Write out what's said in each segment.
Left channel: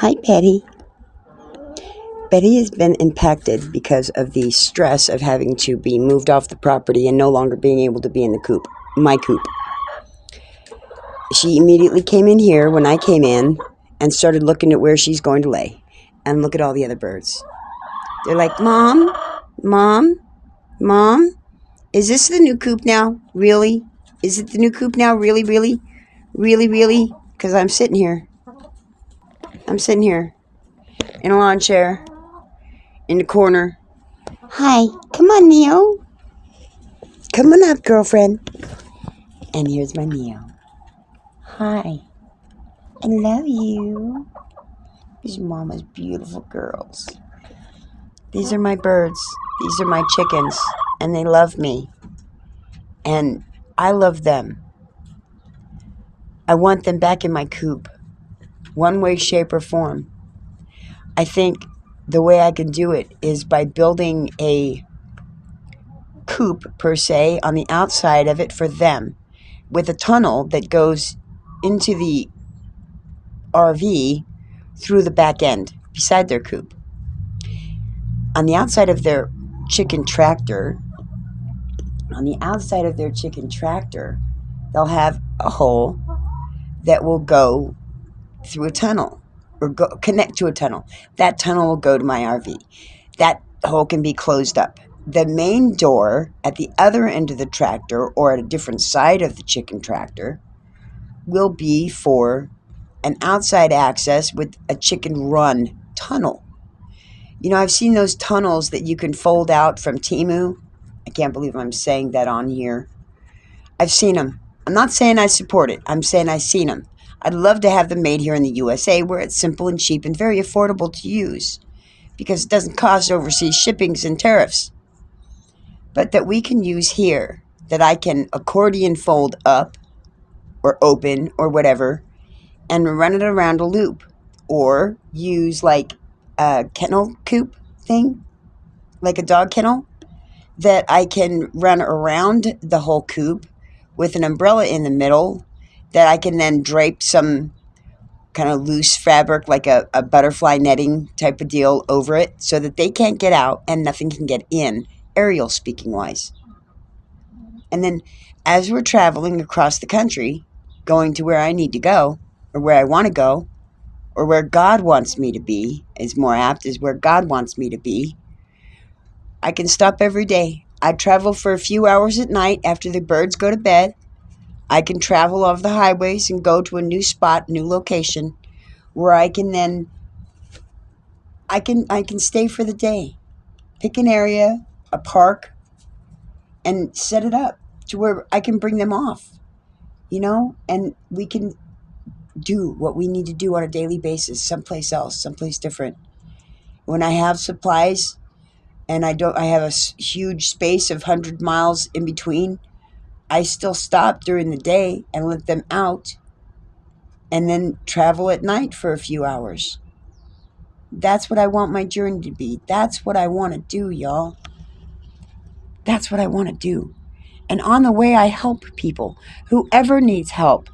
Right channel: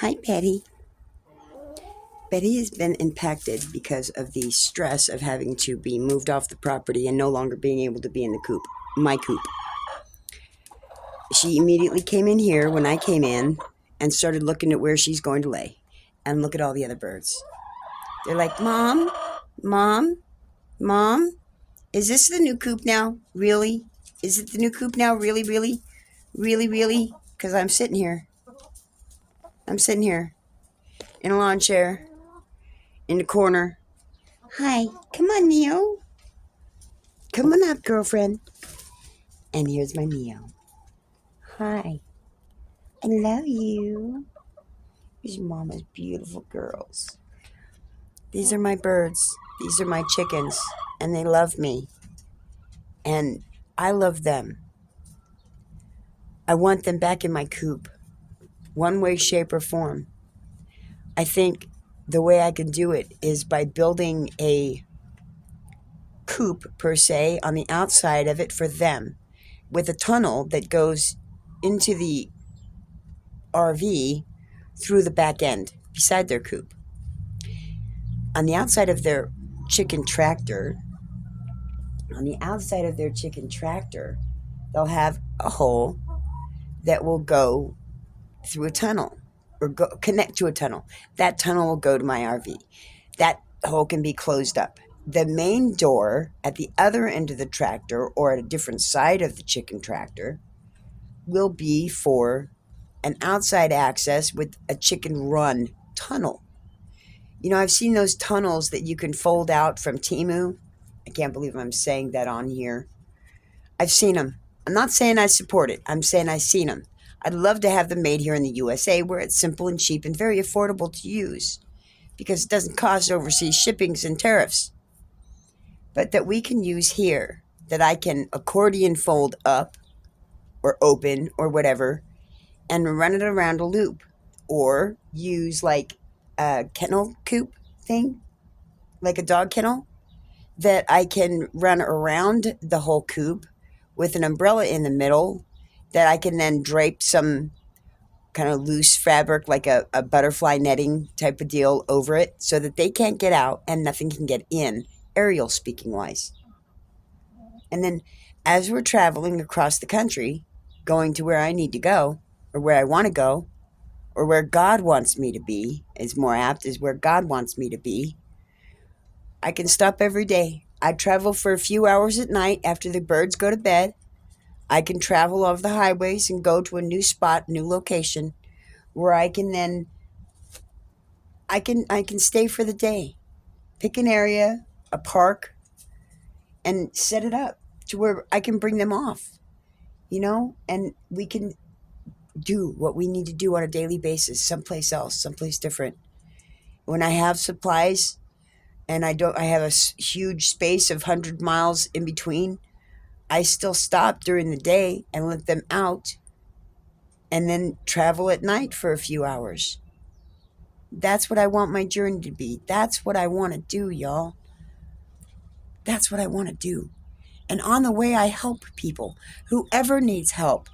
Hi, Betty. Betty has been impacted because of the stress of having to be moved off the property and no longer being able to be in the coop, my coop. She immediately came in here when I came in and started looking at where she's going to lay. And look at all the other birds. They're like, Mom, Mom, Mom, is this the new coop now? Really? Is it the new coop now? Really, really? Really, really? Because I'm sitting here. I'm sitting here in a lawn chair in the corner. Hi, come on, Neo. Come on up, girlfriend. And here's my Neo. Hi. I love you. These are Mama's beautiful girls. These are my birds. These are my chickens. And they love me. And I love them. I want them back in my coop. One way, shape, or form. I think the way I can do it is by building a coop, per se, on the outside of it for them, with a tunnel that goes into the RV through the back end, beside their coop. On the outside of their chicken tractor, they'll have a hole that will go through a tunnel or connect to a tunnel. That tunnel will go to my RV. That hole can be closed up. The main door at the other end of the tractor or at a different side of the chicken tractor will be for an outside access with a chicken run tunnel. You know, I've seen those tunnels that you can fold out from Temu. I can't believe I'm saying that on here. I've seen them. I'm not saying I support it. I'm saying I've seen them. I'd love to have them made here in the USA where it's simple and cheap and very affordable to use because it doesn't cost overseas shippings and tariffs. But that we can use here, that I can accordion fold up or open or whatever and run it around a loop, or use like a kennel coop thing, like a dog kennel, that I can run around the whole coop with an umbrella in the middle that I can then drape some kind of loose fabric, like a butterfly netting type of deal over it so that they can't get out and nothing can get in, aerial speaking wise. And then as we're traveling across the country, going to where I need to go, or where I want to go, or where God wants me to be, is more apt, is where God wants me to be, I can stop every day. I travel for a few hours at night after the birds go to bed. I can travel over the highways and go to a new spot, new location, where I can then, I can stay for the day. Pick an area, a park, and set it up to where I can bring them off, and we can do what we need to do on a daily basis, someplace else, someplace different. When I have supplies and I have a huge space of 100 miles in between, I still stop during the day and let them out and then travel at night for a few hours. That's what I want my journey to be. That's what I want to do, y'all. That's what I want to do. And on the way, I help people. Whoever needs help.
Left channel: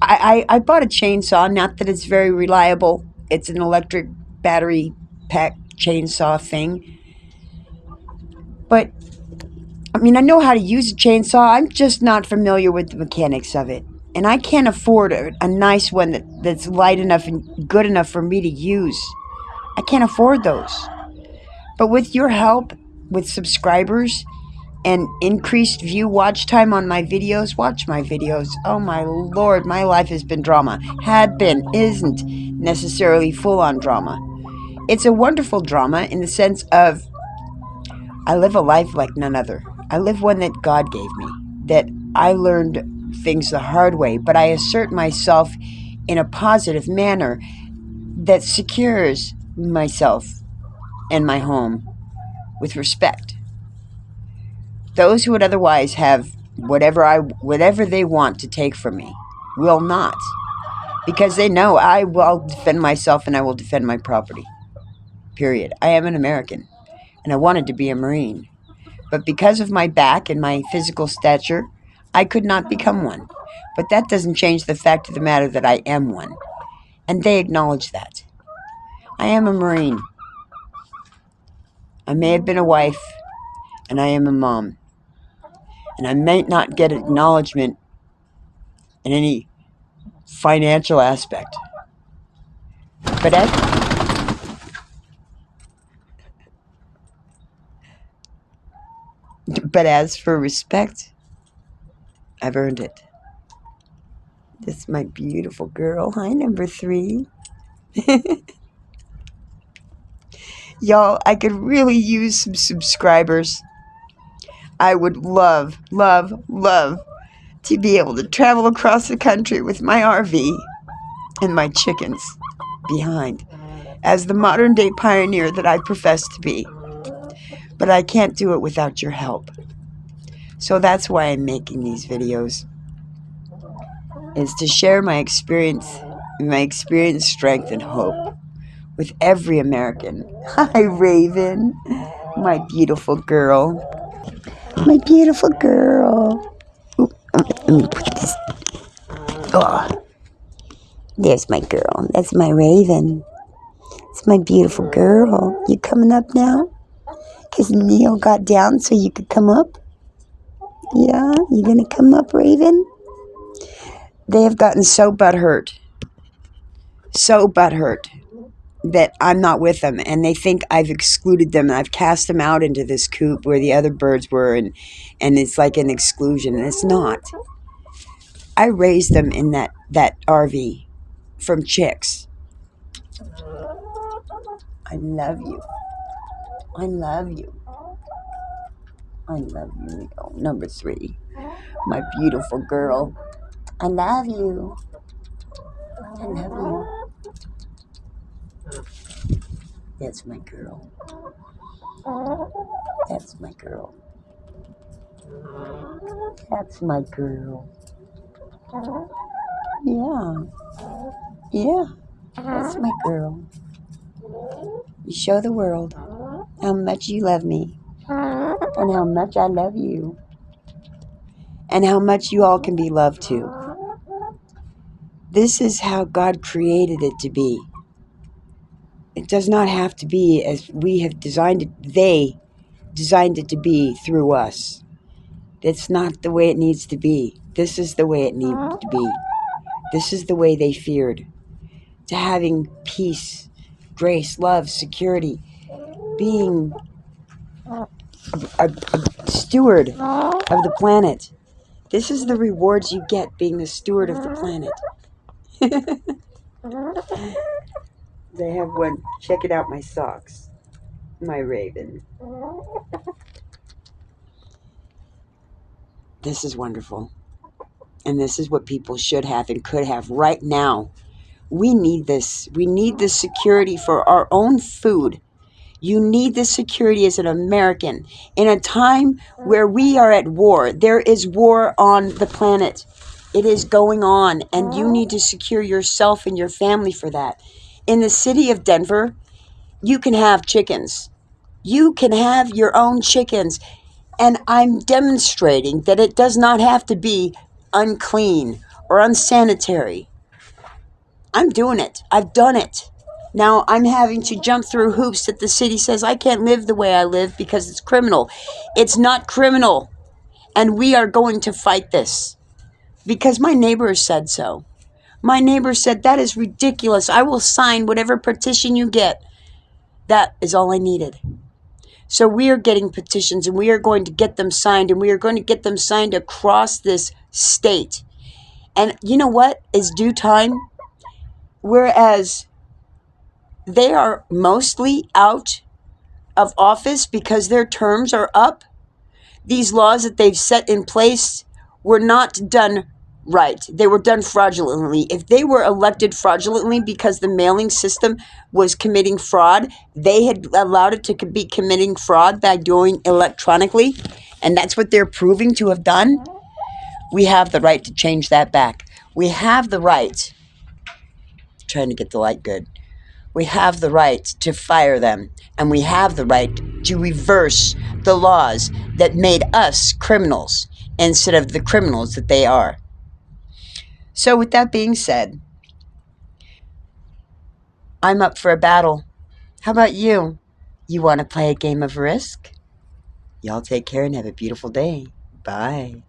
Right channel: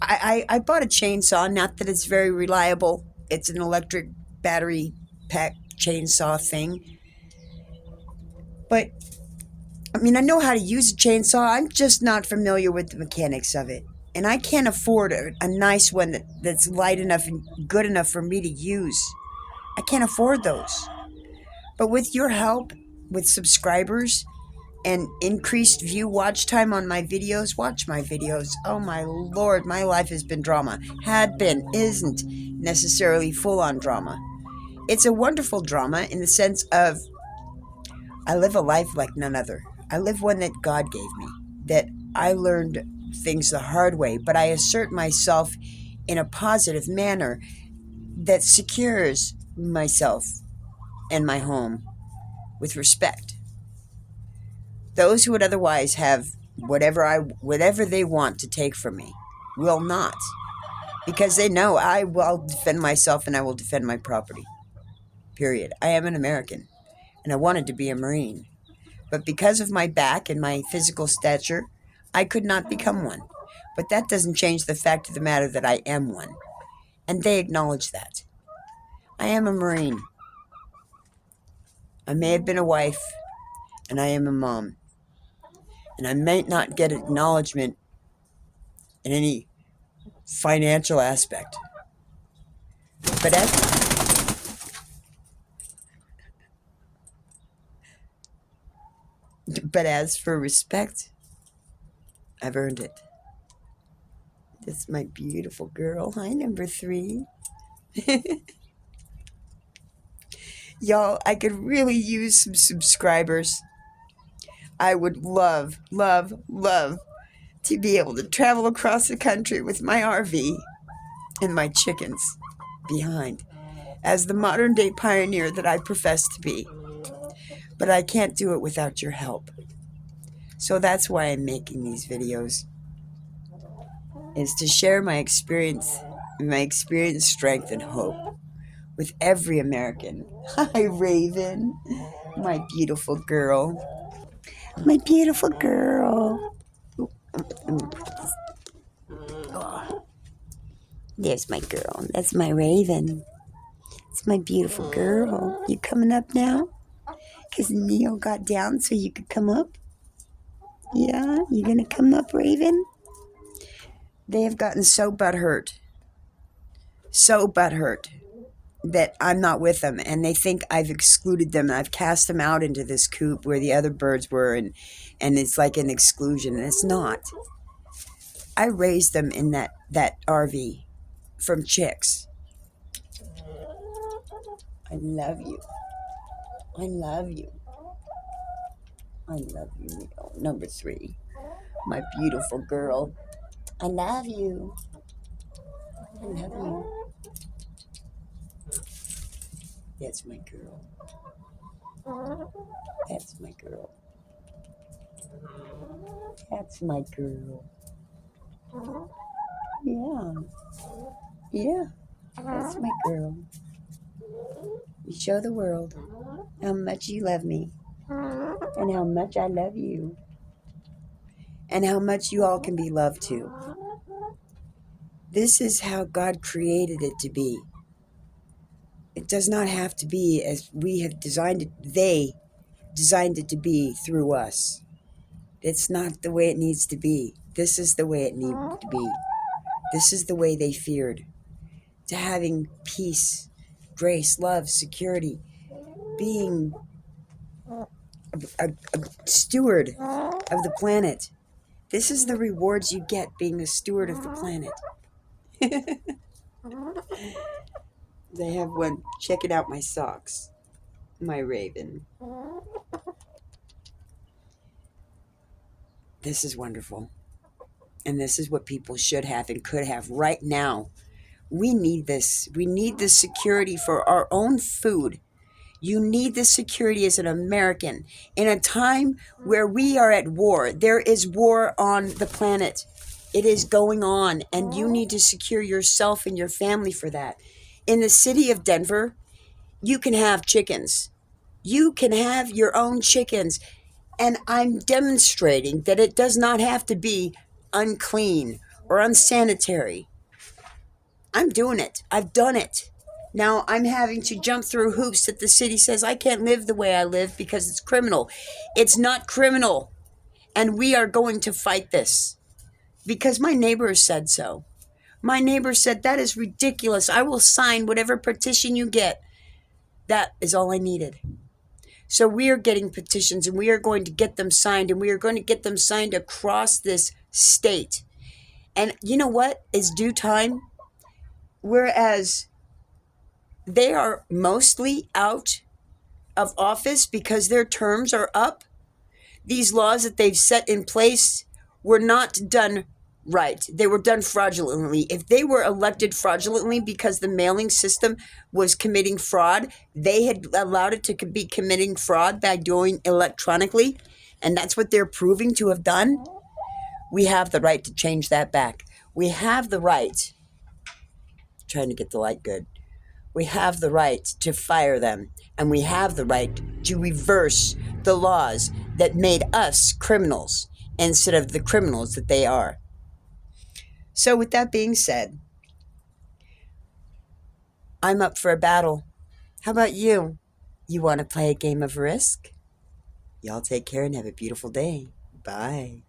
I bought a chainsaw, not that it's very reliable. It's an electric battery pack chainsaw thing. But, I mean, I know how to use a chainsaw. I'm just not familiar with the mechanics of it. And I can't afford a nice one that's light enough and good enough for me to use. I can't afford those. But with your help, with subscribers, and increased view watch time on my videos, watch my videos. Oh my Lord, my life has been drama. Had been, isn't necessarily full-on drama. It's a wonderful drama in the sense of I live a life like none other. I live one that God gave me, that I learned things the hard way, but I assert myself in a positive manner that secures myself and my home with respect. Those who would otherwise have whatever they want to take from me will not, because they know I will defend myself and I will defend my property. Period. I am an American, and I wanted to be a Marine. But because of my back and my physical stature, I could not become one. But that doesn't change the fact of the matter that I am one. And they acknowledge that. I am a Marine. I may have been a wife, and I am a mom. And I may not get acknowledgement in any financial aspect. But as for respect, I've earned it. This is my beautiful girl. Hi, number 3. Y'all, I could really use some subscribers. I would love, love, love to be able to travel across the country with my RV and my chickens behind as the modern day pioneer that I profess to be. But I can't do it without your help. So that's why I'm making these videos, is to share my experience, strength, and hope with every American. Hi, Raven, my beautiful girl. My beautiful girl. Let me put this. Oh, there's my girl. That's my Raven. It's my beautiful girl. You coming up now? Because Neil got down so you could come up? Yeah? You gonna come up, Raven? They have gotten so butthurt that I'm not with them, and they think I've excluded them, and I've cast them out into this coop where the other birds were, and it's like an exclusion, and it's not. I raised them in that RV from chicks. I love you. I love you. I love you, Nicole. Number 3, my beautiful girl. I love you. I love you. That's my girl. That's my girl. That's my girl. Yeah. Yeah. That's my girl. You show the world how much you love me and how much I love you and how much you all can be loved too. This is how God created it to be. It does not have to be as we have designed it. They designed it to be through us. It's not the way it needs to be. This is the way it needed to be. This is the way they feared. To having peace, grace, love, security, being a steward of the planet. This is the rewards you get being a steward of the planet. They have one. Check it out, my socks. My Raven. This is wonderful. And this is what people should have and could have right now. We need this. We need this security for our own food. You need this security as an American. In a time where we are at war, there is war on the planet. It is going on, and you need to secure yourself and your family for that. In the city of Denver, you can have chickens. You can have your own chickens. And I'm demonstrating that it does not have to be unclean or unsanitary. I'm doing it. I've done it. Now I'm having to jump through hoops that the city says I can't live the way I live because it's criminal. It's not criminal. And we are going to fight this because my neighbor said so. My neighbor said, that is ridiculous. I will sign whatever petition you get. That is all I needed. So we are getting petitions, and we are going to get them signed, and we are going to get them signed across this state. And you know what is due time? Whereas they are mostly out of office because their terms are up, these laws that they've set in place were not done right. They were done fraudulently. If they were elected fraudulently because the mailing system was committing fraud, they had allowed it to be committing fraud by doing electronically, and that's what they're proving to have done. We have the right to change that back. We have the right, trying to get the light good, we have the right to fire them, and we have the right to reverse the laws that made us criminals instead of the criminals that they are. So with that being said, I'm up for a battle How about you? You want to play a game of Risk? Y'all take care and have a beautiful day. Bye.